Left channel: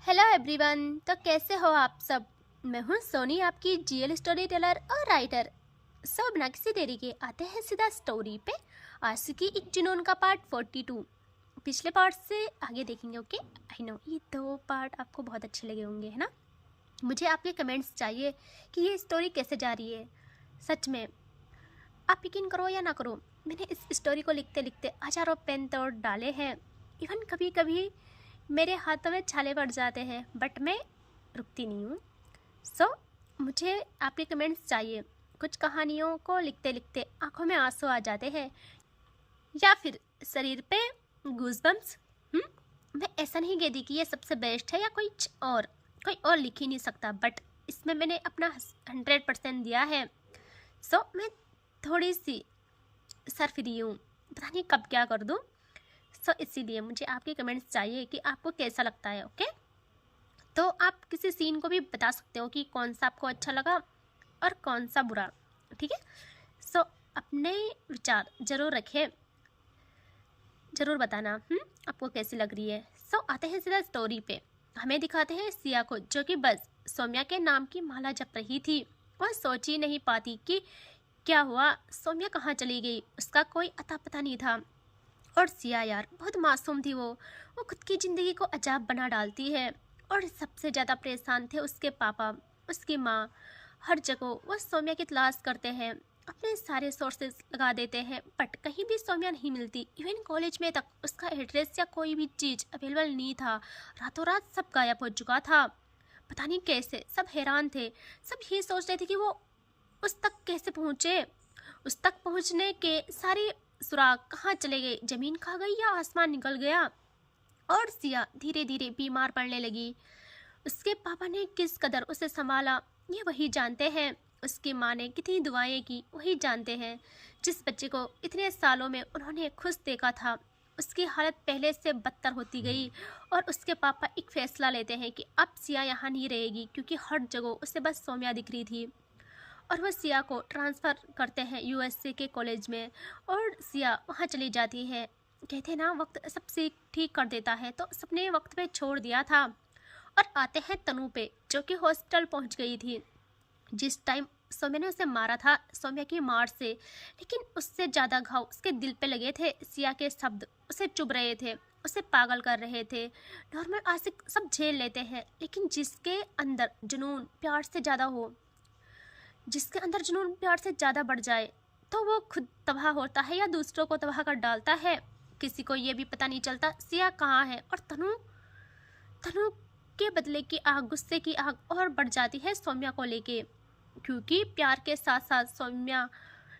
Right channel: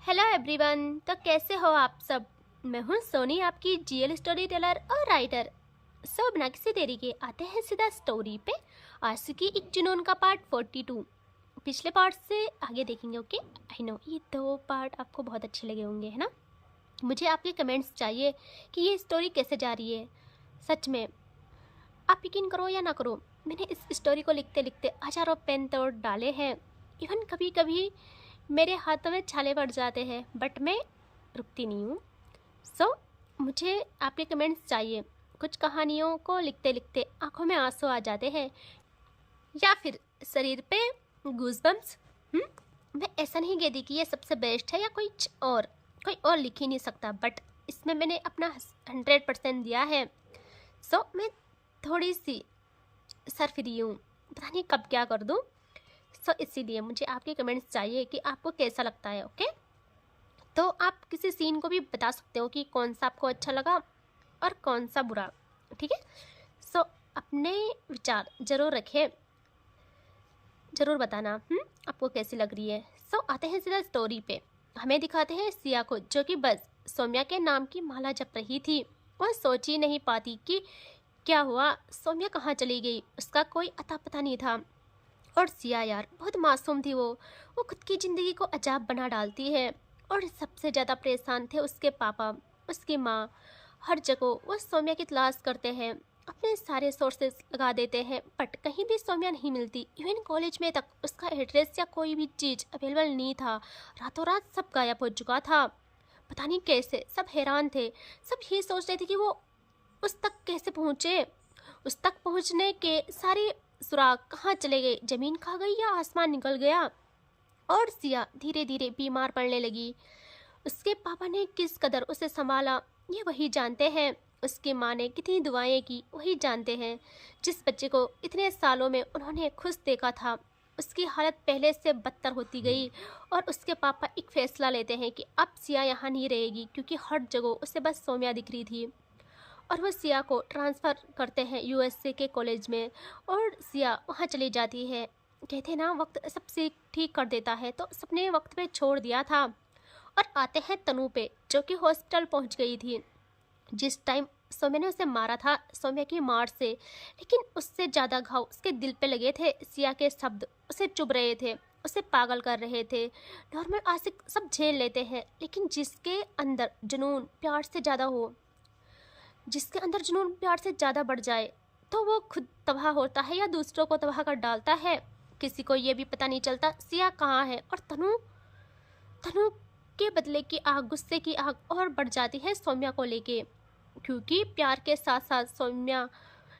Hello everyone. तो कैसे हो आप सब। मैं हूं सोनी, आपकी जीएल स्टोरी टेलर और राइटर। सो बिना किसी देरी के आते हैं सीधा स्टोरी पे। आशिकी एक जुनून का पार्ट 42 पिछले पार्ट से आगे देखेंगे। ओके, आई नो ये दो पार्ट आपको बहुत अच्छे लगे होंगे, है ना। मुझे आपके कमेंट्स चाहिए कि ये स्टोरी कैसे जा रही है। सच में आप यकीन करो या ना करो, मैंने इस स्टोरी को लिखते लिखते हजारों पेन तोड़ डाले हैं। इवन कभी कभी मेरे हाथों में छाले पड़ जाते हैं, बट मैं रुकती नहीं हूँ। सो मुझे आपके कमेंट्स चाहिए। कुछ कहानियों को लिखते लिखते आंखों में आंसू आ जाते हैं या फिर शरीर पे गूज़बम्स। मैं ऐसा नहीं कहती कि ये सबसे बेस्ट है या कोई और लिख ही नहीं सकता, बट इसमें मैंने अपना 100% दिया है। सो मैं थोड़ी सी सर फ्री हूँ, पता नहीं कब क्या कर दूँ। सो इसीलिए मुझे आपके कमेंट्स चाहिए कि आपको कैसा लगता है। ओके, तो आप किसी सीन को भी बता सकते हो कि कौन सा आपको अच्छा लगा और कौन सा बुरा, ठीक है। सो अपने विचार ज़रूर रखें, ज़रूर बताना आपको कैसी लग रही है। सो आते हैं सीधा स्टोरी पे। हमें दिखाते हैं सिया को, जो कि बस सौम्या के नाम की माला जप रही थी। वह सोच ही नहीं पाती कि क्या हुआ, सौम्या कहाँ चली गई। उसका कोई अता पता नहीं था। और सिया यार बहुत मासूम थी। वो खुद की ज़िंदगी को अजाब बना डालती है। और सबसे ज़्यादा परेशान थे उसके पापा, उसकी माँ। हर जगह वो सौम्या की तलाश करते हैं, अपने सारे सोर्सेस लगा देते हैं, बट कहीं भी सौम्या नहीं मिलती। इवन कॉलेज में तक उसका एड्रेस या कोई भी चीज़ अवेलेबल नहीं था। रातों रात सब गायब हो चुका था। पता नहीं कैसे, सब हैरान थे। सब ये सोच रहे थे कि वो उस तक कैसे पहुँचे। उस तक पहुँचने के सारे सुराग कहाँ चले गए, ज़मीन खा गई या आसमान निकल गया। और सिया धीरे धीरे बीमार पड़ने लगी। उसके पापा ने किस कदर उसे संभाला ये वही जानते हैं। उसकी माँ ने कितनी दुआएं की वही जानते हैं। जिस बच्चे को इतने सालों में उन्होंने खुश देखा था, उसकी हालत पहले से बदतर होती गई। और उसके पापा एक फैसला लेते हैं कि अब सिया यहाँ नहीं रहेगी, क्योंकि हर जगह उसे बस सौम्या दिख रही थी। और वह सिया को ट्रांसफ़र करते हैं यूएसए के कॉलेज में। और सिया वहाँ चली जाती है। कहते ना वक्त सबसे ठीक कर देता है, तो सबने वक्त पे छोड़ दिया था। और आते हैं तनु पे, जो कि हॉस्पिटल पहुँच गई थी जिस टाइम सौम्या ने उसे मारा था, सौम्या की मार से। लेकिन उससे ज़्यादा घाव उसके दिल पे लगे थे। सिया के शब्द उसे चुभ रहे थे, उसे पागल कर रहे थे। नॉर्मल आशिक सब झेल लेते हैं, लेकिन जिसके अंदर जुनून प्यार से ज़्यादा हो, जिसके अंदर जुनून प्यार से ज़्यादा बढ़ जाए, तो वो खुद तबाह होता है या दूसरों को तबाह कर डालता है। किसी को ये भी पता नहीं चलता सिया कहाँ है। और तनु तनु के बदले की आग, गुस्से की आग और बढ़ जाती है सौम्या को लेके, क्योंकि प्यार के साथ साथ सौम्या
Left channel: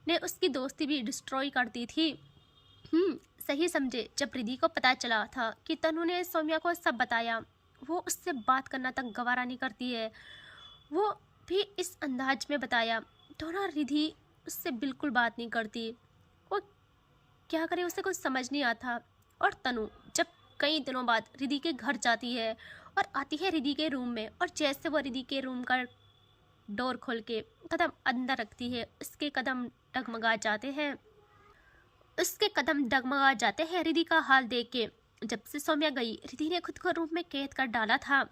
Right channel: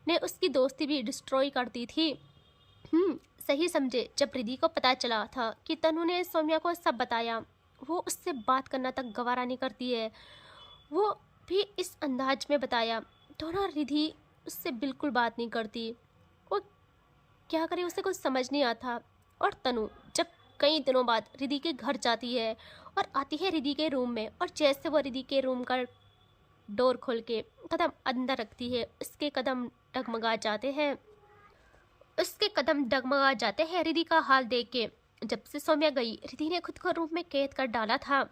ने उसकी दोस्ती भी डिस्ट्रॉय कर दी थी। सही समझे। जब रिद्धि को पता चला था कि तनु ने सौम्या को सब बताया, वो उससे बात करना तक गवारा नहीं करती है। वो भी इस अंदाज में बताया तो ना रिद्धि उससे बिल्कुल बात नहीं करती। वो क्या करे, उसे कुछ समझ नहीं आता। और तनु जब कई दिनों बाद रिद्धि के घर जाती है और आती है रिद्धि के रूम में, और जैसे वो रिद्धि के रूम का डोर खोल के कदम अंदर रखती है, उसके कदम डगमगा जाते हैं। रिद्धि का हाल देख के। जब से सौम्या गई, रिद्धि ने खुद को रूम में कैद कर डाला था।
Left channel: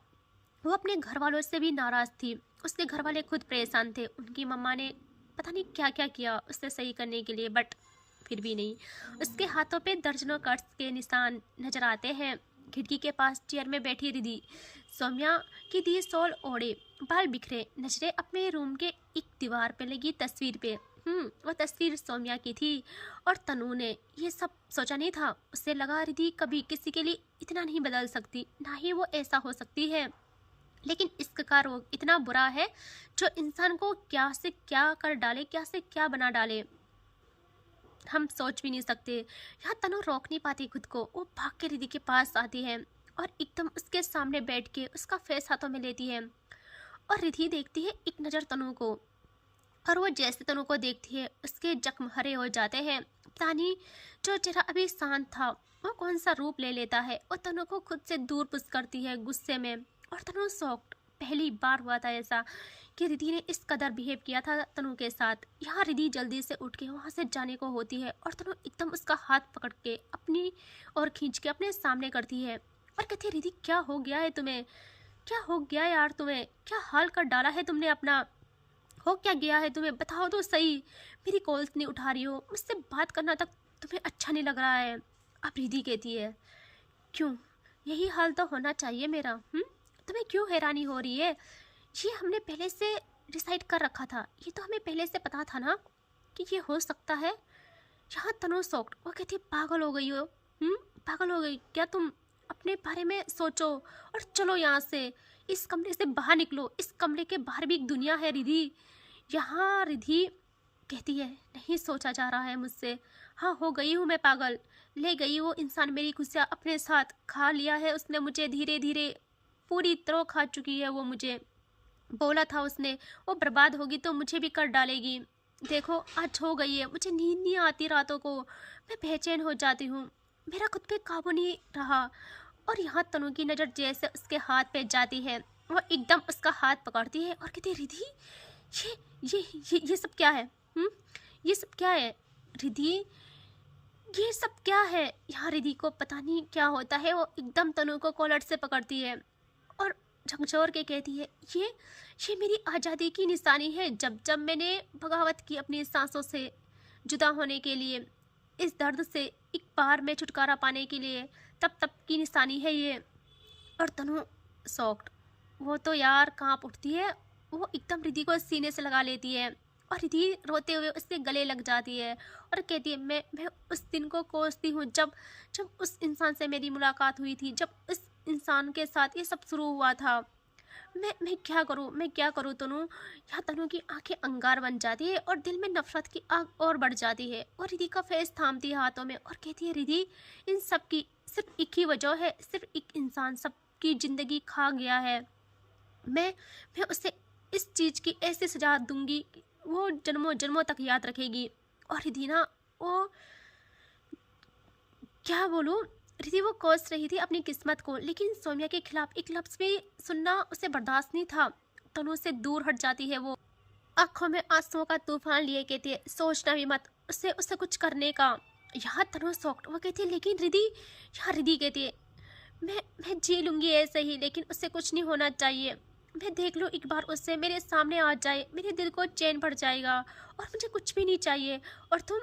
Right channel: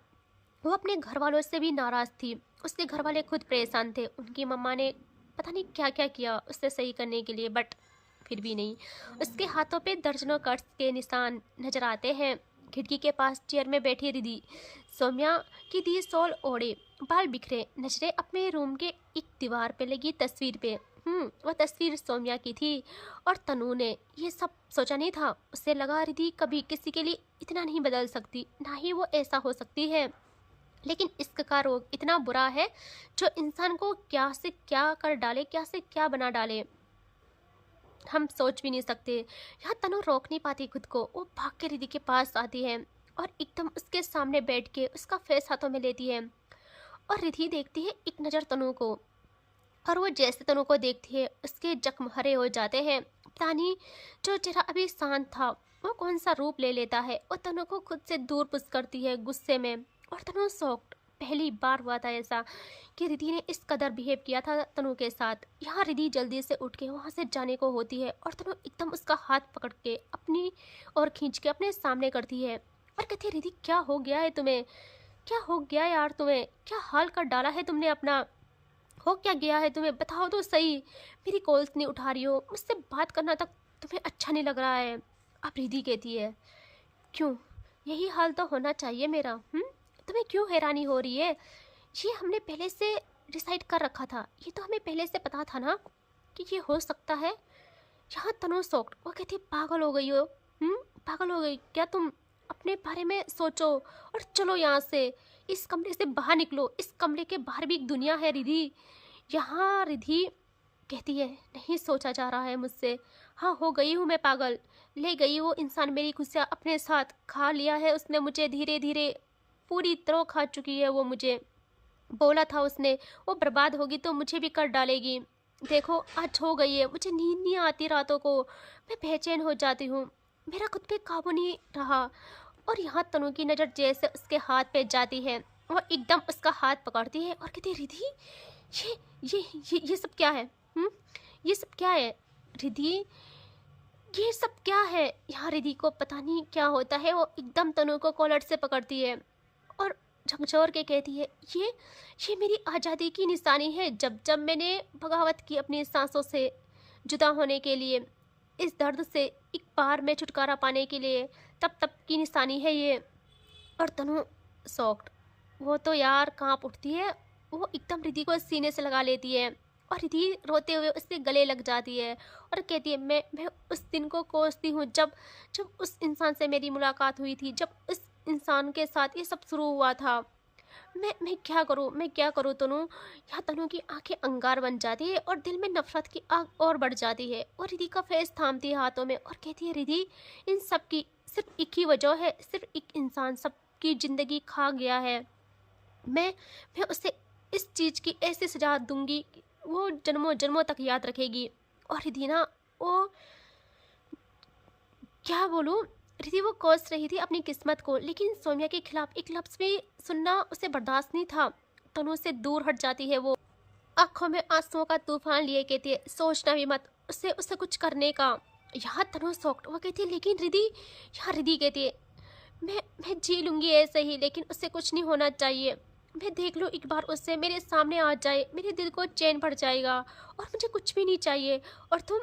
वो अपने घर वालों से भी नाराज़ थी। उसके घर वाले खुद परेशान थे। उनकी मम्मा ने पता नहीं क्या क्या किया उससे सही करने के लिए, बट फिर भी नहीं। उसके हाथों पे दर्जनों कट्स के निशान नजर आते हैं। खिड़की के पास चेयर में बैठी रिद्धि सौम्या की दी शॉल ओढ़े, बाल बिखरे, नजरें अपने रूम के एक दीवार पे लगी तस्वीर पे। वह तस्वीर सौम्या की थी। और तनु ने ये सब सोचा नहीं था। उसे लगा रिद्धि कभी किसी के लिए इतना नहीं बदल सकती, ना ही वो ऐसा हो सकती है। लेकिन इश्क का रोग इतना बुरा है जो इंसान को क्या से क्या कर डाले, क्या से क्या बना डाले, हम सोच भी नहीं सकते। यहाँ तनु रोक नहीं पाती खुद को। वो भाग के रिद्धि के पास आती है और एकदम उसके सामने बैठ के उसका फेस हाथों में लेती है। और रिद्धि देखती है एक नज़र तनु को, और वो जैसे तनु को देखती है उसके जख्म हरे हो जाते हैं। पता नहीं जो चेहरा अभी शांत था वो कौन सा रूप ले लेता है। और तनु को खुद से दूर पुश करती है गुस्से में। और तनु शॉक्ड, पहली बार हुआ था ऐसा कि रिद्धि ने इस कदर बिहेव किया था तनु के साथ। यहाँ रिद्धि जल्दी से उठ के वहाँ से जाने को होती है, और तनु एकदम उसका हाथ पकड़ के अपनी और खींच के अपने सामने करती है और कहती है, रिद्धि क्या हो गया है तुम्हें। क्या हो गया यार तुम्हें? क्या हाल कर डाला है तुमने अपना? हो क्या गया है तुम्हें? बताओ तो सही। मेरी कॉल्स नहीं उठा रही हो, मुझसे बात करना तक तुम्हें अच्छा नहीं लग रहा है। अब रिधि कहती है, क्यों? यही हाल तो होना चाहिए मेरा। तुम्हें क्यों हैरानी हो रही है? ये हमने पहले से डिसाइड कर रखा था, ये तो हमें पहले से पता था ना कि ये हो सकता है। यहाँ तनु शॉक्ड, वो कहती है, पागल हो गई हो? पागल हो गई क्या तुम? अपने बारे में सोचो और चलो यहाँ से, इस कमरे से बाहर निकलो। इस कमरे के बाहर भी एक दुनिया है रिधि। यहाँ रिधि कहती है, नहीं सोचा जा रहा है मुझसे। हाँ, हो गई हूँ मैं पागल। ले गई वो इंसान मेरी खुशियाँ अपने साथ, खा लिया है उसने मुझे, धीरे धीरे पूरी तरह खा चुकी है वो मुझे। बोला था उसने, वो बर्बाद होगी तो मुझे भी कर डालेगी। देखो आज हो गई है, मुझे नींद नहीं आती रातों को, मैं बेचैन हो जाती हूँ, मेरा खुद पे काबू नहीं रहा। और यहाँ तनु की नज़र जैसे उसके हाथ पे जाती है, वो एकदम उसका हाथ पकड़ती है और कहती है, रिधि ये ये सब क्या है? ये सब क्या है रिधि? ये सब क्या है? यहाँ रिधि को पता नहीं क्या होता है, वो एकदम तनु को कॉलर से पकड़ती है और झकझोर के कहती है, ये मेरी आज़ादी की निशानी है। जब जब मैंने बगावत की अपनी सांसों से जुदा होने के लिए, इस दर्द से एक बार में छुटकारा पाने के लिए, तब तब की निशानी है ये। और तनु शॉक्ड, वो तो यार कांप उठती है, वो एकदम रिधि को सीने से लगा लेती है और रिधि रोते हुए उसके गले लग जाती है और कहती है, मैं उस दिन को कोसती हूँ जब जब उस इंसान से मेरी मुलाकात हुई थी, जब उस इंसान के साथ ये सब शुरू हुआ था। मैं क्या करूँ तनु? यहाँ तनु की आंखें अंगार बन जाती है और दिल में नफरत की आग और बढ़ जाती है और रिधि का फेस थामती है हाथों में और कहती है, रिधि इन सब की सिर्फ एक ही वजह है, सिर्फ एक इंसान सबकी ज़िंदगी खा गया है। मैं उसे इस चीज़ की ऐसी सजा दूंगी कि वो जन्मों जन्मों तक याद रखेगी। और रिधि ना, वो क्या बोलूँ, रिधि वो कोस रही थी अपनी किस्मत को, लेकिन सोम्या के खिलाफ एक लफ्ज़ भी सुनना उसे बर्दाश्त नहीं था। तनु से दूर हट जाती है वो, आंखों में आंसुओं का तूफान लिए कहती है, सोचना भी मत उसे कुछ करने का। यहाँ तनु शॉक्ड, वो कहती है, लेकिन रिधि। यहाँ रिधि कहती है, मैं जी लूँगी ऐसे ही, लेकिन उससे कुछ नहीं होना चाहिए। मैं देख लूँ एक बार उससे, मेरे सामने आ जाए, मेरे दिल को चैन भर जाएगा और मुझे कुछ भी नहीं चाहिए। और तुम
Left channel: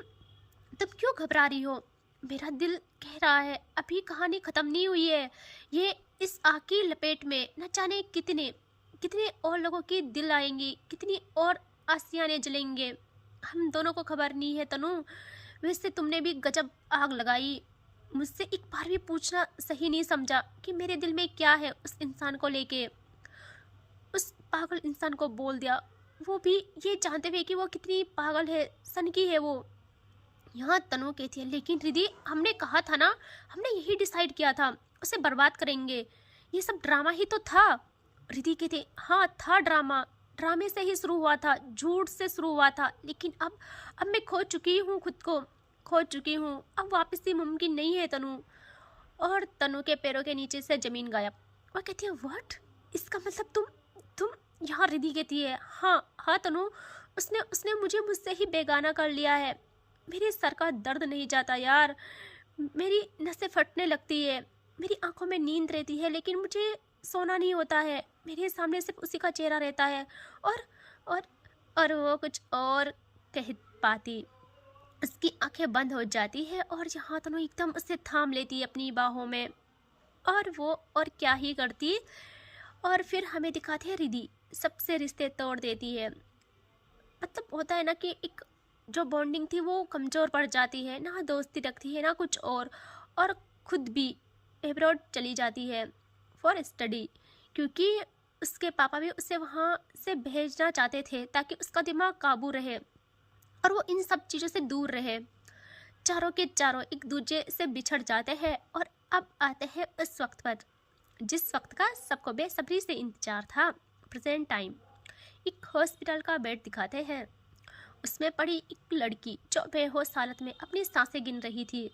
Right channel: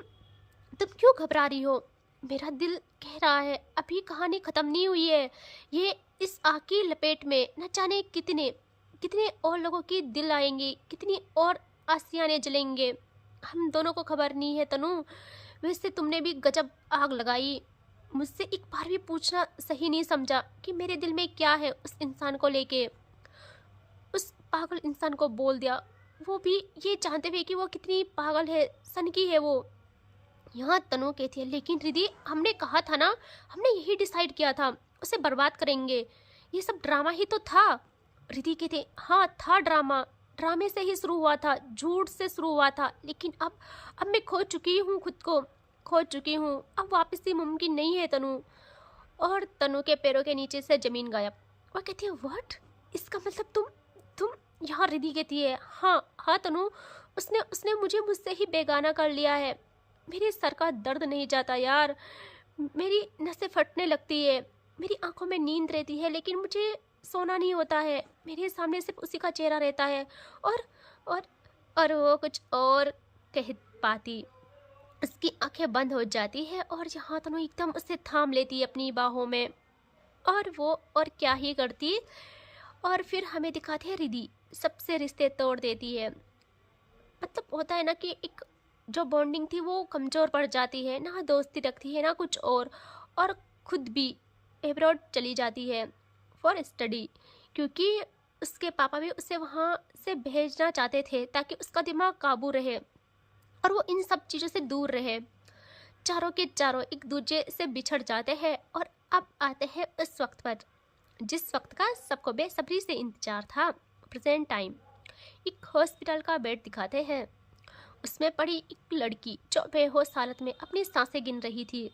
क्यों घबरा रही हो? मेरा दिल कह रहा है अभी कहानी ख़त्म नहीं हुई है। ये इस आग की लपेट में न जाने कितने कितने और लोगों की दिल आएंगी, कितनी और आसियाने जलेंगे, हम दोनों को खबर नहीं है तनु। वैसे तुमने भी गजब आग लगाई, मुझसे एक बार भी पूछना सही नहीं समझा कि मेरे दिल में क्या है उस इंसान को लेके। उस पागल इंसान को बोल दिया, वो भी ये जानते हुए कि वो कितनी पागल है, सनकी है वो। यहाँ तनु कहती है, लेकिन रिधि हमने कहा था ना, हमने यही डिसाइड किया था, उसे बर्बाद करेंगे, ये सब ड्रामा ही तो था। रिधि कहती है, हाँ था ड्रामा, ड्रामे से ही शुरू हुआ था, झूठ से शुरू हुआ था, लेकिन अब मैं खो चुकी हूँ, खुद को खो चुकी हूँ, अब वापस ही मुमकिन नहीं है तनु। और तनु के पैरों के नीचे से जमीन गायब। वह कहती है, व्हाट? इसका मतलब तुम यहाँ? रिधि कहती है, हाँ तनु, उसने उसने मुझे मुझसे ही बेगाना कर लिया है। मेरे सर का दर्द नहीं जाता यार, मेरी नसें फटने लगती है, मेरी आंखों में नींद रहती है, लेकिन मुझे सोना नहीं होता है, मेरे सामने सिर्फ उसी का चेहरा रहता है। और और और वो कुछ और कह पाती, उसकी आंखें बंद हो जाती है और यहाँ तनु एकदम उसे थाम लेती है अपनी बाहों में। और वो और क्या ही करती। और फिर हमें दिखाती है रिधि सबसे रिश्ते तोड़ देती है। मतलब होता है ना कि एक जो बॉन्डिंग थी वो कमज़ोर पड़ जाती है, ना दोस्ती रखती है ना कुछ और खुद भी एब्रॉड चली जाती है फॉर स्टडी, क्योंकि उसके पापा भी उसे वहाँ से भेजना चाहते थे ताकि उसका दिमाग काबू रहे और वो इन सब चीज़ों से दूर रहे। चारों के चारों एक दूसरे से बिछड़ जाते हैं और अब आते हैं उस वक्त पर जिस वक्त का सबको बेसब्री से इंतजार था। Present time. एक हॉस्पिटल का बेड दिखाते हैं, उसमें पड़ी एक लड़की जो बेहोश हालत में अपनी सांसें गिन रही थी।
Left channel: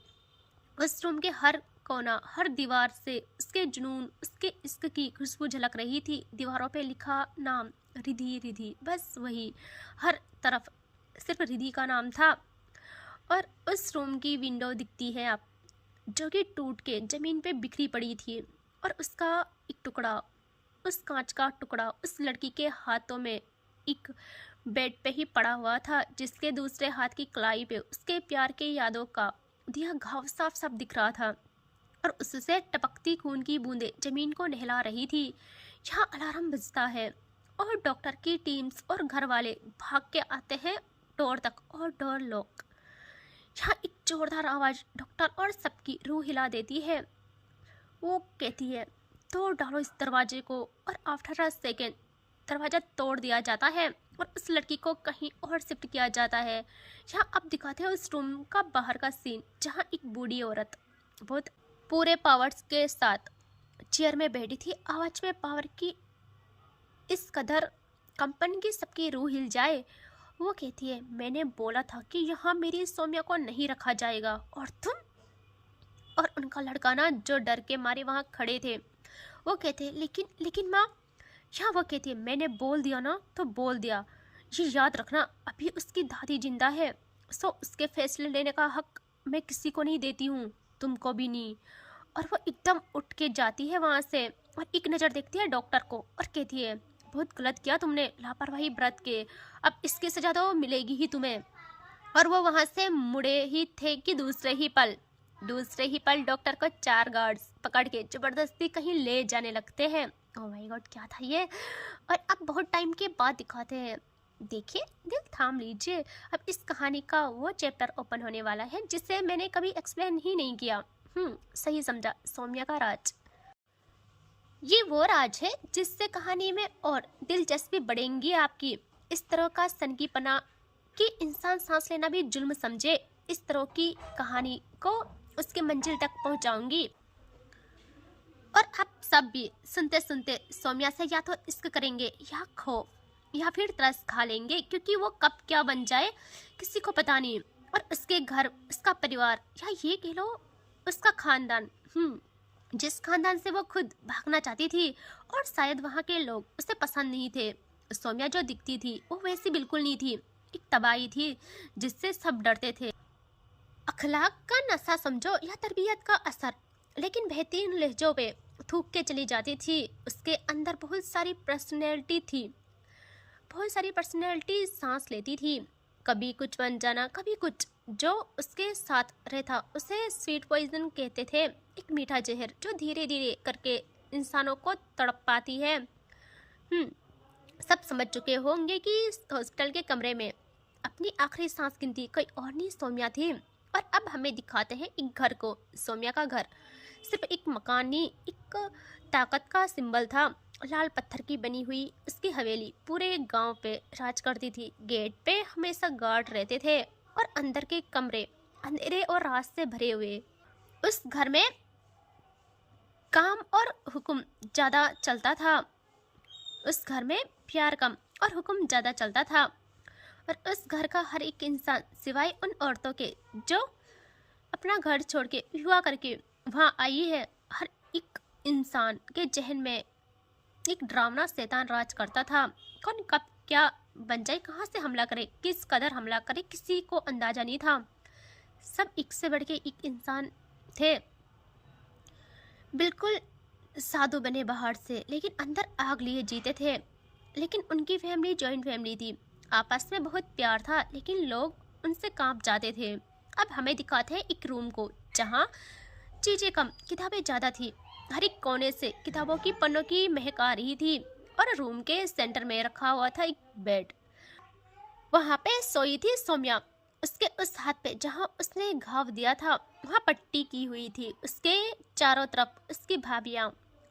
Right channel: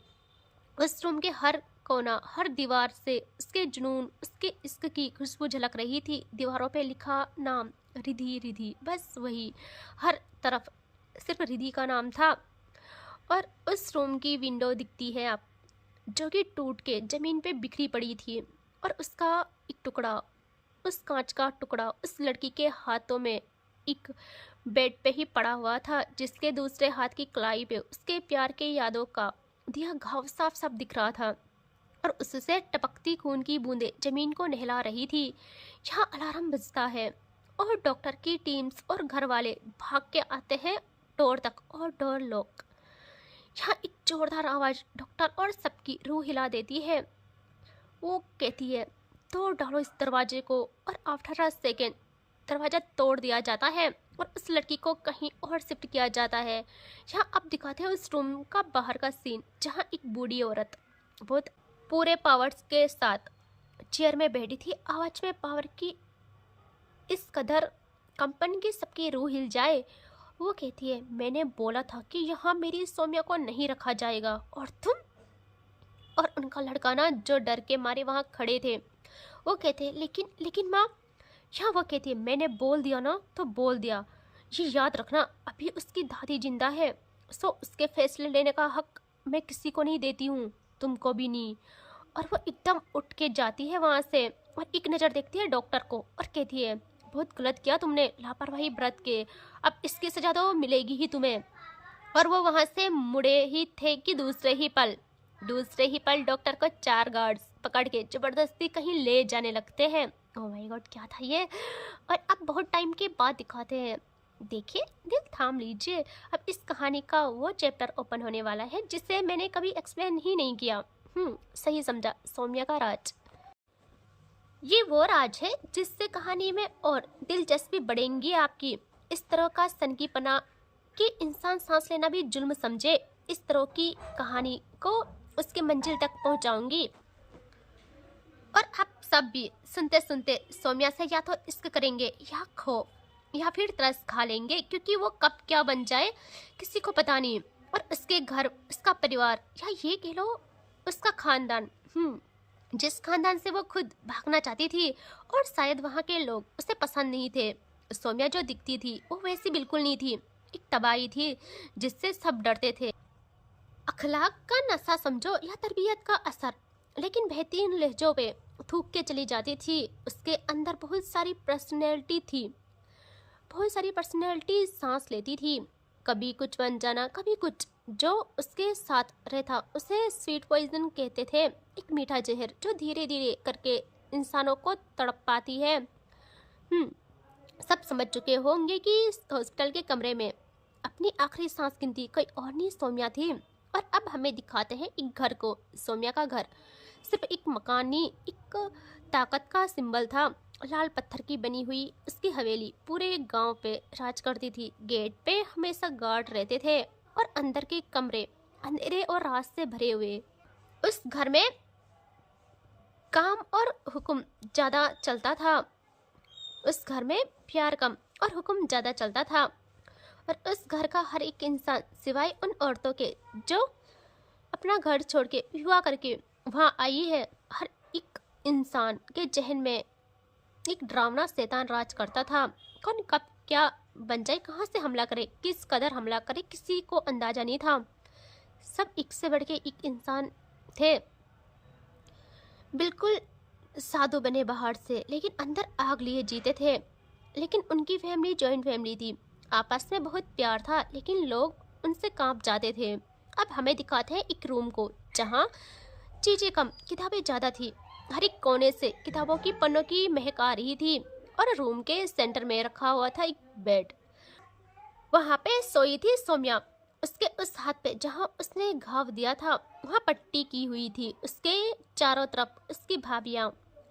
उस रूम के हर कोना, हर दीवार से उसके जुनून, उसके इश्क की खुशबू झलक रही थी। दीवारों पे लिखा नाम, रिधि रिधि, बस वही, हर तरफ सिर्फ रिधि का नाम था। और उस रूम की विंडो दिखती है आप, जो कि टूट के ज़मीन पे बिखरी पड़ी थी और उसका एक टुकड़ा उस कांच का टुकड़ा उस लड़की के हाथों में एक बेड पे ही पड़ा हुआ था, जिसके दूसरे हाथ की कलाई पे उसके प्यार के यादों का दिया घाव साफ साफ दिख रहा था और उससे टपकती खून की बूंदें जमीन को नहला रही थी। यहाँ अलार्म बजता है और डॉक्टर की टीम्स और घर वाले भाग के आते हैं डोर तक और डोर लॉक। यहाँ एक जोरदार आवाज डॉक्टर और सबकी रूह हिला देती है। वो कहती है, तोड़ डालो इस दरवाजे को, और आफ्टर अ सेकेंड दरवाजा तोड़ दिया जाता है और उस लड़की को कहीं और शिफ्ट किया जाता है। यहाँ अब दिखाते हैं उस रूम का बाहर का सीन, जहाँ एक बूढ़ी औरत बहुत पूरे पावर्स के साथ चेयर में बैठी थी। आवाज में पावर की इस कदर कंपन की सबकी रूह हिल जाए। वो कहती है, मैंने बोला था कि यहाँ मेरी सौम्या को नहीं रखा जाएगा, और तुम और उनका लड़का ना, जो डर के मारे वहाँ खड़े थे, वो कहते हैं, लेकिन माँ। यहाँ वो कहती है, मैंने बोल दिया ना तो बोल दिया। ये याद रखना, अभी उसकी दादी जिंदा है, सो उसके फैसले लेने का हक मैं किसी को नहीं देती हूँ, तुमको भी नहीं। और वो एकदम उठ के जाती है वहाँ से और एक नज़र देखती है डॉक्टर को और कहती है, बहुत गलत किया तुमने, लापरवाही बरत के, अब इसकी सजा तो मिलेगी ही तुम्हें। और वो वहाँ से मुड़े ही थे कि दूसरे ही पल डॉक्टर को 4 गार्ड्स पकड़ के जबरदस्ती कहीं ले जाने लगते हैं। ओह माय गॉड, क्या था ये। और अब बहुत टाइम के बाद दिखाते हैं। देखिए, दिल थाम लीजिए, अब इस कहानी का वो चैप्टर ओपन होने वाला है जिसे मैंने कभी एक्सप्लेन ही नहीं किया। सही समझा, सौम्या का राज। ये वो राज है जिससे कहानी में और दिलचस्पी बढ़ेंगी आपकी। इस तरह का सनकीपना कि इंसान सांस लेना भी जुल्म समझे, इस तरह की कहानी को उसके मंजिल तक पहुंचाऊंगी। और आप सब भी सुनते सुनते सौम्या से या तो इश्क करेंगे या खौफ या फिर तरस खा लेंगे, क्योंकि वो कब क्या बन जाए किसी को पता नहीं। और उसके घर, उसका परिवार, या ये कह लो उसका खानदान, जिस खानदान से वो खुद भागना चाहती थी, और शायद वहाँ के लोग उसे पसंद नहीं थे। सौम्या जो दिखती थी वो वैसी बिल्कुल नहीं थी, एक तबाही थी जिससे सब डरते थे। अखलाक का नशा समझो या तरबियत का असर, लेकिन बेहतरीन लहजों पे थूक के चली जाती थी। उसके अंदर बहुत सारी पर्सनैलिटी सांस लेती थी, कभी कुछ बन जाना, कभी कुछ। जो उसके साथ रहता उसे स्वीट पॉइजन कहते थे, एक मीठा जहर जो धीरे धीरे करके इंसानों को तड़प पाती है। सब समझ चुके होंगे कि हॉस्पिटल के कमरे में अपनी आखिरी सांस गिनती कोई और नहीं, सौम्या थी। और अब हमें दिखाते हैं एक घर को, सौम्या का घर सिर्फ एक मकान नहीं, एक ताकत का सिंबल था। लाल पत्थर की बनी हुई उसकी हवेली पूरे गांव पे राज करती थी। गेट पे हमेशा गार्ड रहते थे और अंदर के कमरे अंधेरे और रात से भरे हुए। उस घर में काम और हुक्म ज़्यादा चलता था, उस घर में प्यार कम और हुक्म ज़्यादा चलता था। और उस घर का हर एक इंसान, सिवाय उन औरतों के जो अपना घर छोड़ के विवाह करके वहाँ आई है, हर एक इंसान के जहन में एक डरावना शैतान राज करता था। कौन कब क्या बन जाए, कहाँ से हमला करे, किस कदर हमला करे, किसी को अंदाजा नहीं था। सब एक से बढ़ के एक इंसान थे, बिल्कुल साधु बने बाहर से, लेकिन अंदर आग लिए जीते थे। लेकिन उनकी फैमिली जॉइंट फैमिली थी, आपस में बहुत प्यार था, लेकिन लोग उनसे कांप जाते थे। अब हमें दिखाते हैं एक रूम को जहाँ चीज़ें कम, किताबें ज़्यादा थी। हर एक कोने से किताबों की पन्नों की महक आ रही थी। और रूम के सेंटर में रखा हुआ था एक बेड, वहाँ पे सोई थी सौम्या। उसके उस हाथ पे जहाँ उसने घाव दिया था वहाँ पट्टी की हुई थी। उसके चारों तरफ उसकी भाभियाँ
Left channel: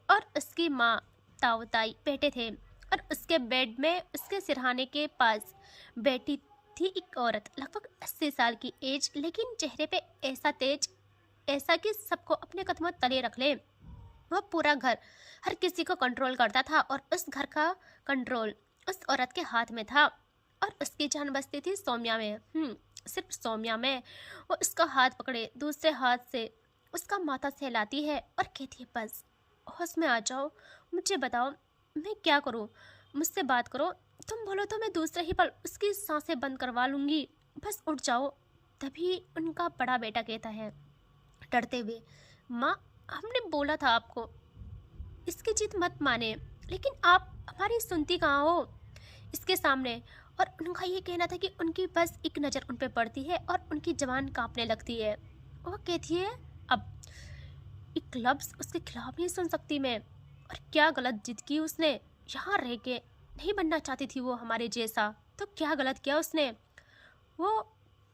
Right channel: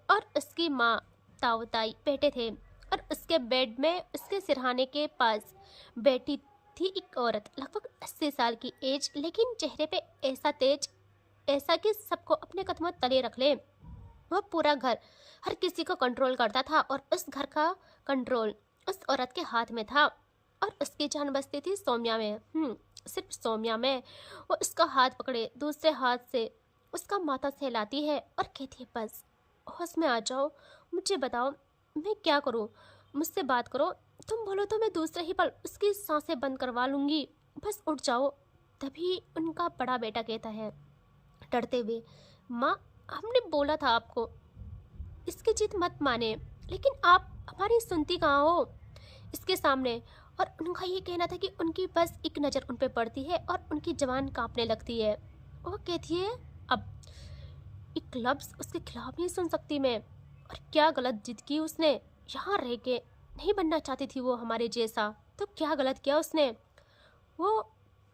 और उसकी माँ ताऊ-ताई बैठे थे। और उसके बेड में उसके सिरहाने के पास बैठी थी एक औरत, लगभग 80 साल की एज, लेकिन चेहरे पे ऐसा तेज, ऐसा कि सबको अपने कदमों तले रख ले। वह पूरा घर, हर किसी को कंट्रोल करता था, और उस घर का कंट्रोल उस औरत के हाथ में था। और उसकी जान बसती थी सौम्या में, सिर्फ सौम्या में। वो उसका हाथ पकड़े दूसरे हाथ से उसका माथा सहलाती है और कहती है, बस होश में आ जाओ, मुझे बताओ मैं क्या करूं, मुझसे बात करो, तुम बोलो तो मैं दूसरे ही पल उसकी सांसें बंद करवा लूँगी, बस उठ जाओ। तभी उनका बड़ा बेटा कहता है डरते हुए, माँ हमने बोला था आपको, इसकी जिद मत माने, लेकिन आप हमारी सुनती कहाँ हो इसके सामने। और उनका ये कहना था कि उनकी बस एक नज़र उन पे पड़ती है और उनकी जवान कांपने लगती है। वो कहती है अब एक लफ्ज़ उसके खिलाफ नहीं सुन सकती मैं। और क्या गलत जिद की उसने, यहाँ रह के नहीं बनना चाहती थी वो हमारे जैसा, तो क्या गलत किया उसने। वो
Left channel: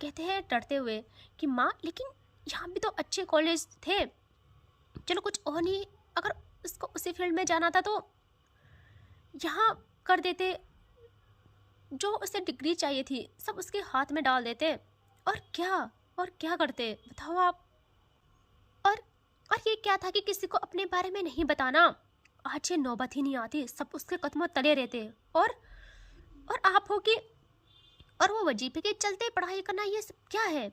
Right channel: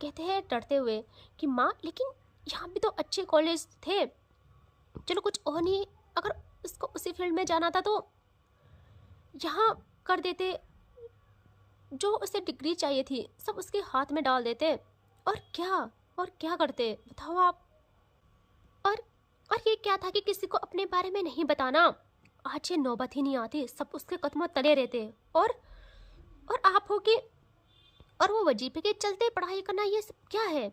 कहते हैं डरते हुए कि माँ लेकिन यहाँ भी तो अच्छे कॉलेज थे, चलो कुछ और नहीं, अगर उसको उसी फील्ड में जाना था तो यहाँ कर देते, जो उसे डिग्री चाहिए थी सब उसके हाथ में डाल देते। और क्या करते बताओ आप। और और ये क्या था कि किसी को अपने बारे में नहीं बताना। आज ये नौबत ही नहीं आती, सब उसके कदमों तले रहते। और आप हो कि और वो वजीफे के चलते पढ़ाई करना, ये सब क्या है।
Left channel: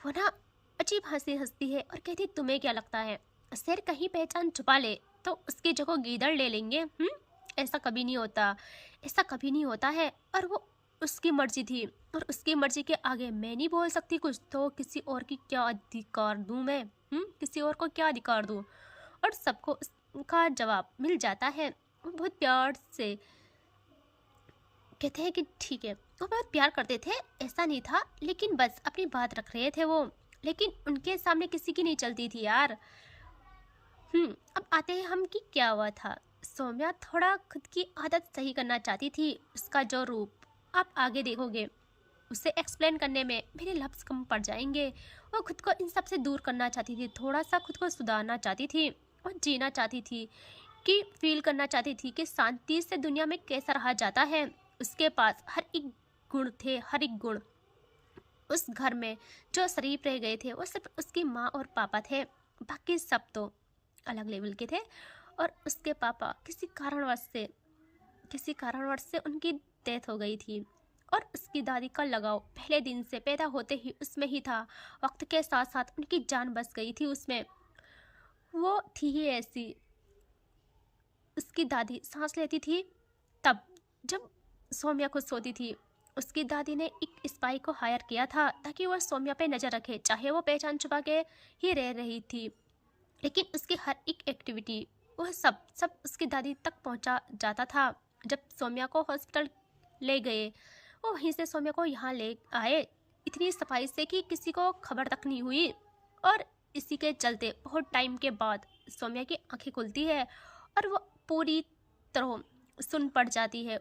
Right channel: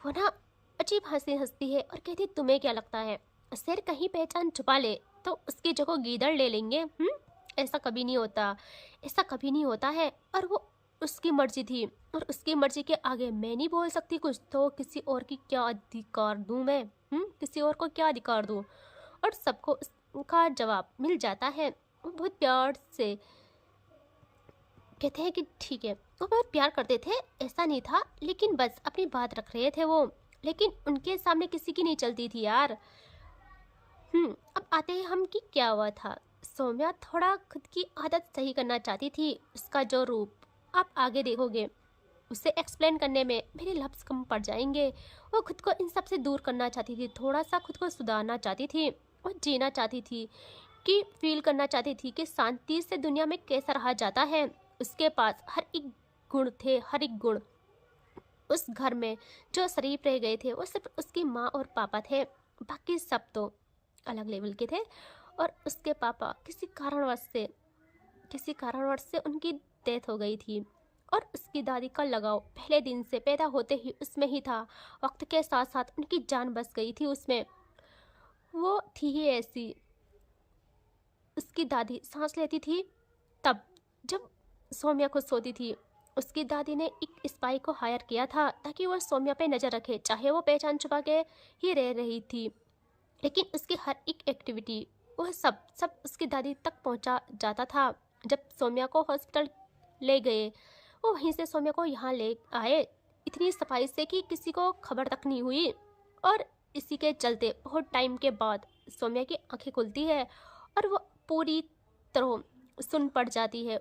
वो ना अजीब हंसी हंसती है और कहती तुम्हें क्या लगता है शेर कहीं पहचान छुपा ले तो उसकी जगह गीदड़ ले लेंगे। ऐसा कभी नहीं होता, ऐसा कभी नहीं होता है। और वो उसकी मर्जी थी और उसकी मर्जी के आगे मैं नहीं बोल सकती कुछ, तो किसी और की क्या अधिकार दूं मैं। किसी और को क्या अधिकार दूं। और सबको उसका जवाब मिल जाता है। वो बहुत प्यार से कहते हैं कि ठीक है। वो बहुत प्यार करते थे, ऐसा नहीं था, लेकिन बस अपनी बात रख रहे थे वो। लेकिन उनके सामने किसी की नहीं चलती थी यार। अब आते हैं हम कि क्या हुआ था। सौम्या थोड़ा खुद की आदत सही करना चाहती थी। उसका जो रूप आप आगे देखोगे, उसे एक्सप्लेन करने में मेरे लफ्ज़ कम पड़ जाएंगे। वो खुद को इन सब से दूर करना चाहती थी, थोड़ा सा खुद को सुधारना चाहती थी और जीना चाहती थी, कि फील करना चाहती थी कि शांति से दुनिया में कैसा रहा जाता है। उसके पास हर एक गुण थे, हर एक गुण। उस घर में जो शरीफ रह गए थे वो सिर्फ उसकी माँ और पापा थे, बाकी सब तो अलग लेवल के थे। और उसके पापा किसी कारणवश से उनकी डेथ हो गई थी। और उसकी दादी का लगाव पहले दिन से पैदा होते ही उसमें ही था। वक्त के साथ साथ उनकी जान बस गई थी उसमें। वो थी ही ऐसी। उसकी दादी सांस लेती थी तब जब सौम्या खुद सोती थी। उसकी दादी ने एक स्पाई को हायर किया था ताकि वह सौम्या पे नज़र रखे, चाहे वो पहचान छुपा के ही रह रही थी। लेकिन उसकी हर एक एक्टिविटी, वह सब उसकी दादी तक पहुंचा जाता था। जब सौम्या को हॉस्पिटल ले गए, वो वहीं से सौम्या को यहाँ ले आए, इतनी सफाई से कि किसी को खबर तक नहीं हुई। और इसी के चलते बहुत टाइम के बाद सौम्या की आंखें खुलती है और वो पूरी तरह सुन पड़ जाती है।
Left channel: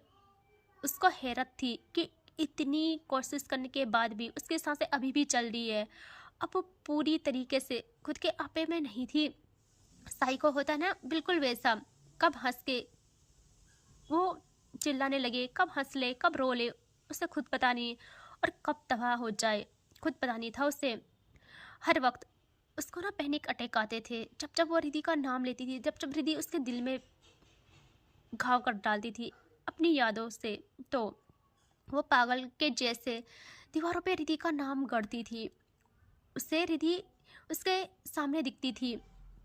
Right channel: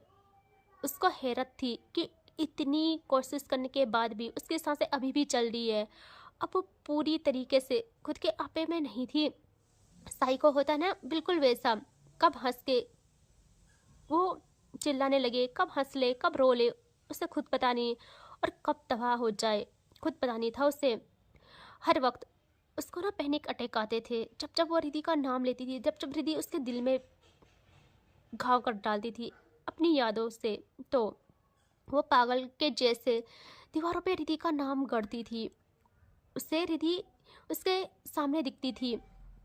उसको हैरत थी कि इतनी कोशिश करने के बाद भी उसकी सांसें अभी भी चल रही है। अब वो पूरी तरीके से खुद के आपे में नहीं थी। साइको होता ना बिल्कुल वैसा, कब हंस के वो चिल्लाने लगे, कब हंस ले कब रो ले उसे खुद पता नहीं, और कब तबाह हो जाए खुद पता नहीं था उसे। हर वक्त उसको ना पैनिक अटैक आते थे जब जब वो रिद्धि का नाम लेती थी, जब जब रिद्धि उसके दिल में घाव कर डालती थी अपनी यादों से। तो वो पागल के जैसे दीवारों पे रिद्धि का नाम गढ़ती थी। उसे रिद्धि उसके सामने दिखती थी,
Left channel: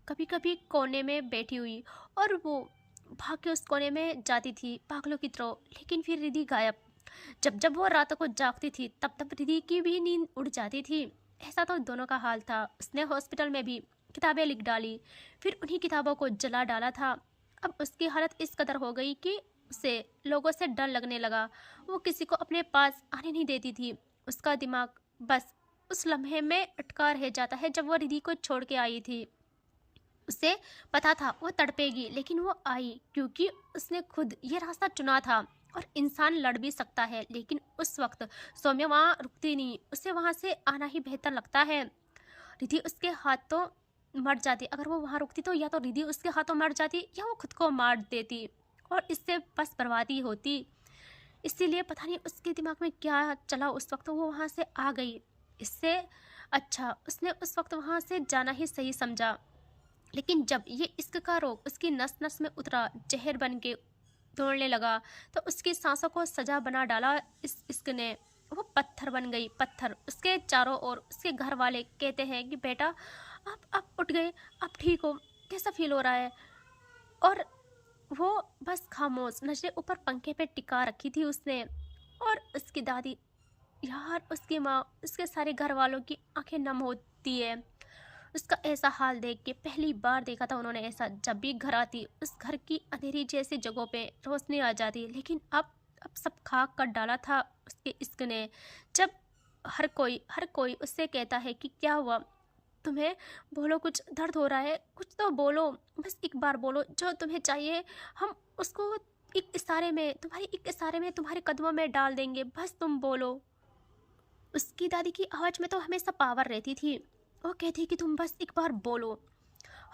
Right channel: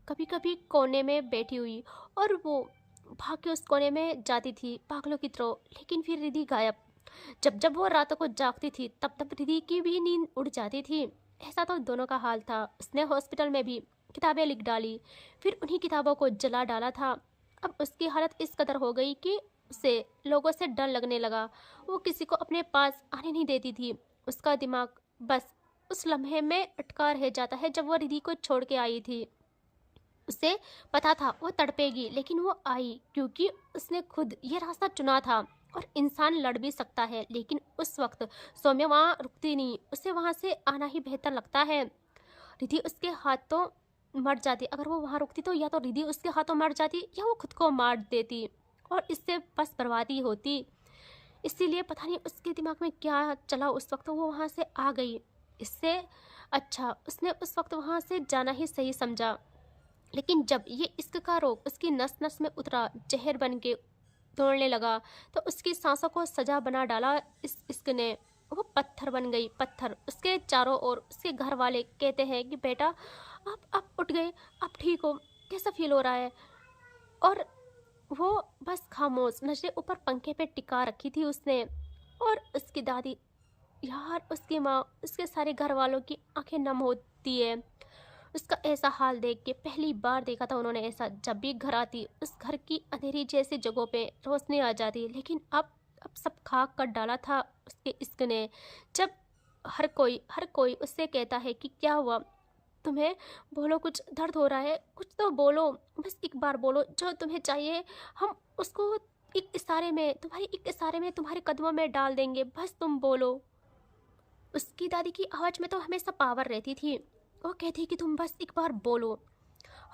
कभी कभी कोने में बैठी हुई, और वो भाग के उस कोने में जाती थी पागलों की तरह। लेकिन फिर रिद्धि गायब। जब जब वो रातों को जागती थी तब तब रिद्धि की भी नींद उड़ जाती थी। ऐसा तो दोनों का हाल था। उसने हॉस्पिटल में भी किताबें लिख डाली, फिर उन्हीं किताबों को जला डाला था। अब उसकी हालत इस कदर हो गई कि उसे लोगों से डर लगने लगा। वो किसी को अपने पास आने नहीं देती थी। उसका दिमाग बस उस लम्हे में अटका रह जाता है जब वो रिद्धि को छोड़ के आई थी। उसे पता था वो तड़पेगी, लेकिन वो आई क्योंकि उसने खुद ये रास्ता चुना था। और इंसान लड़ भी सकता है, लेकिन उस वक्त सौम्या वहाँ रुकती नहीं, उसे वहाँ से आना ही बेहतर लगता है। रिद्धि उसके हाथों मर जाती, अगर वो वहाँ रुकती तो या तो रिद्धि उसके हाथों मर जाती या वो खुद को मार देती, और इससे बस बर्बादी होती। इसीलिए पता नहीं उसके दिमाग में क्या चला, उस वक्त वो वहाँ से आ गई। इससे अच्छा उसने उस वक्त वहाँ से जाना ही सही समझा। लेकिन जब ये इश्क का रोग उसकी नस नस में उतरा, जहर बन के दौड़ने लगा, तो उसकी सांसों को सजा बना डाला इस इश्क ने। वो पत्थर बन गई, पत्थर। उसके चारों ओर उसके घर वाले कहते हैं कि बेटा आप उठ गए, आप ठीक हो, कैसा फील हो रहा है। और वो बस खामोश, नजरें ऊपर पंखे पे टिका रखी थी उसने। और उसकी दादी, यार उसकी माँ, उसके सारे घर वालों की आंखें नम होती है। उसका ऐसा हाल देख के पहली बार देखा था उन्होंने ऐसा। जब भी घर आती उस घर की अंधेरी जैसी जगहों पे रोशनी आ जाती, लेकिन अब सब खाक कर डाला था उसके इश्क ने। जब हर कोई उससे कहता है कि क्या हुआ तुम्हें, बोलो, कुछ दर्द हो रहा है, कुछ तो बोलो, बस एक बार बोलो जो तुम्हें चाहिए, हम उसको एक इशारे में तुम्हारे कदमों में डाल देंगे, बस तुम बोलो। उसकी दादी की आवाज़ में तो हमेशा पावर रहती थी। वो कहती कि तुम बस एक बार बोलो,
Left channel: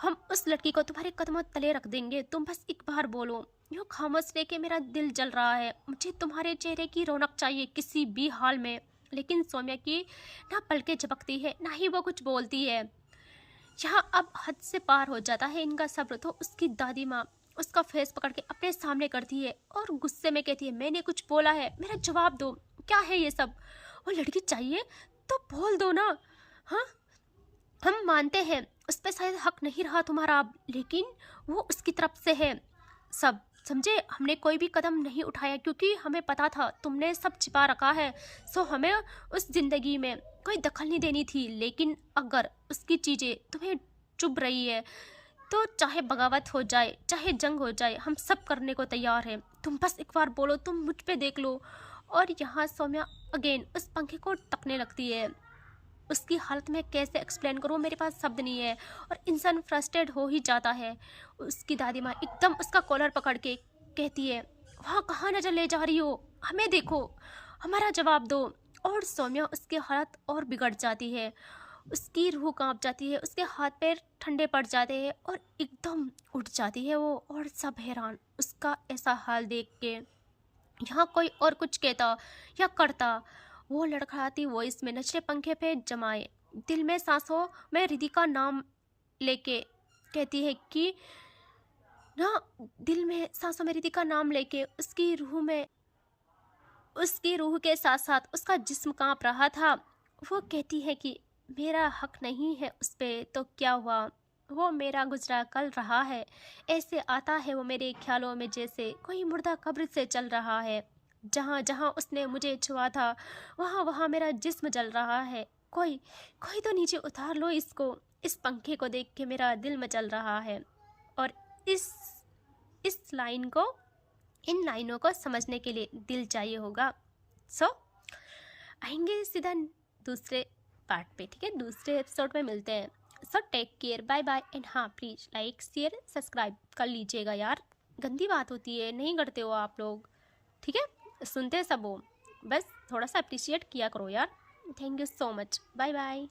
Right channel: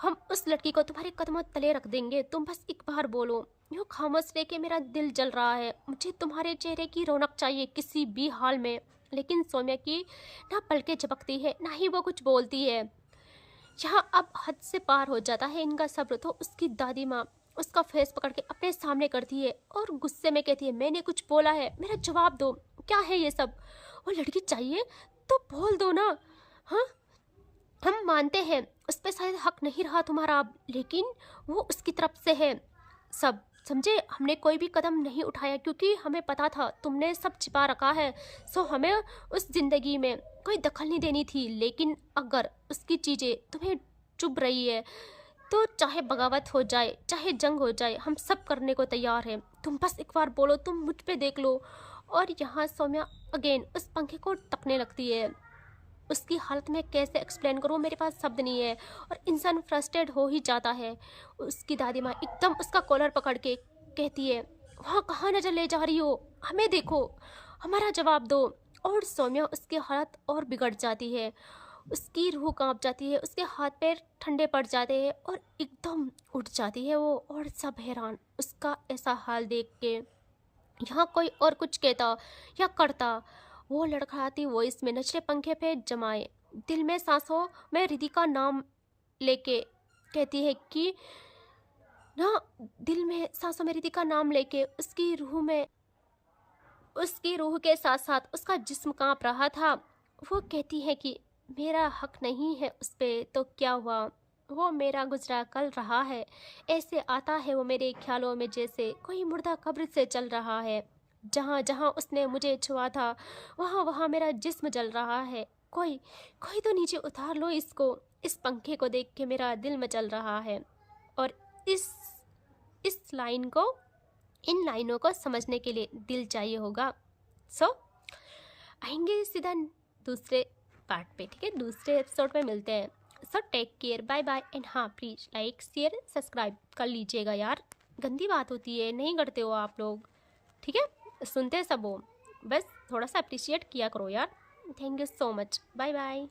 हम उस लड़की को तुम्हारे कदमों तले रख देंगे, तुम बस एक बार बोलो। यूँ खामोश रह के मेरा दिल जल रहा है, मुझे तुम्हारे चेहरे की रौनक चाहिए किसी भी हाल में। लेकिन सौम्या की ना पलकें झपकती है ना ही वो कुछ बोलती है। यहाँ अब हद से पार हो जाता है इनका सब्र। तो उसकी दादी माँ उसका फेस पकड़ के अपने सामने करती है और गुस्से में कहती है, मैंने कुछ बोला है, मेरा जवाब दो, क्या है ये सब? वो लड़की चाहिए तो बोल दो ना। हाँ, हम मानते हैं उस पर शायद हक नहीं रहा तुम्हारा अब, लेकिन वो उसकी तरफ से है सब, समझे? हमने कोई भी कदम नहीं उठाया क्योंकि हमें पता था तुमने सब छिपा रखा है। सो हमें उस जिंदगी में कोई दखल नहीं देनी थी। लेकिन अगर उसकी चीज़ें तुम्हें चुभ रही है तो चाहे बगावत हो जाए, चाहे जंग हो जाए, हम सब करने को तैयार हैं। तुम बस एक बार बोलो, तुम मुझ पे देख लो। और यहाँ सौम्या अगेन उस पंखे को तकने लगती है। उसकी हालत में कैसे एक्सप्लेन करूँ, मेरे पास शब्द नहीं है और इंसान फ्रस्ट्रेट हो ही जाता है। उसकी दादी माँ एकदम उसका कॉलर पकड़ के कहती है, वहाँ कहाँ नजर ले जा रही हो, हमें देखो, हमारा जवाब दो। और सौम्या उसकी हालत और बिगड़ जाती है, उसकी रूह कांप जाती है, उसके हाथ पैर ठंडे पड़ जाते हैं और एकदम उठ जाती है वो। और सब हैरान उसका ऐसा हाल देख के। यहाँ कोई और कुछ कहता या करता, वो लड़खड़ाती वॉइस में नचले पंखे पे जमाए दिल में सांसों में रिधि का नाम लेके कहती है कि ना, दिल में सांसों में रिधि का नाम लेके उसकी रूह के साथ साथ उसका जिस्म कांप रहा था। वो कहती है कि मेरा हक नहीं है उस पे तो क्या हुआ, वो मेरा गुजरा कल रहा है, ऐसे आता है वो मेरे ख्यालों में जैसे कोई मुर्दा कब्र से चल रहा है। जहाँ जहाँ उसने मुझे छुआ था वहाँ वहाँ मेरा जिस्म जल रहा है। कोई कोई तो नीचे उतार लो इसको, इस पंखे को देख के मेरा दिल मचल रहा है। और इस लाइन को, इन लाइनों को समझने के लिए दिल चाहिए होगा। सो आएंगे सीधा दूसरे पार्ट पे, ठीक है? दूसरे एपिसोड में मिलते हैं। So take care, bye bye. And हाँ, प्लीज़ लाइक शेयर सब्सक्राइब कर लीजिएगा यार, गंदी बात होती है, नहीं करते हो आप लोग, ठीक है? सुनते सब हो, बस थोड़ा सा अप्रिशिएट किया करो यार। Thank you so much, bye bye.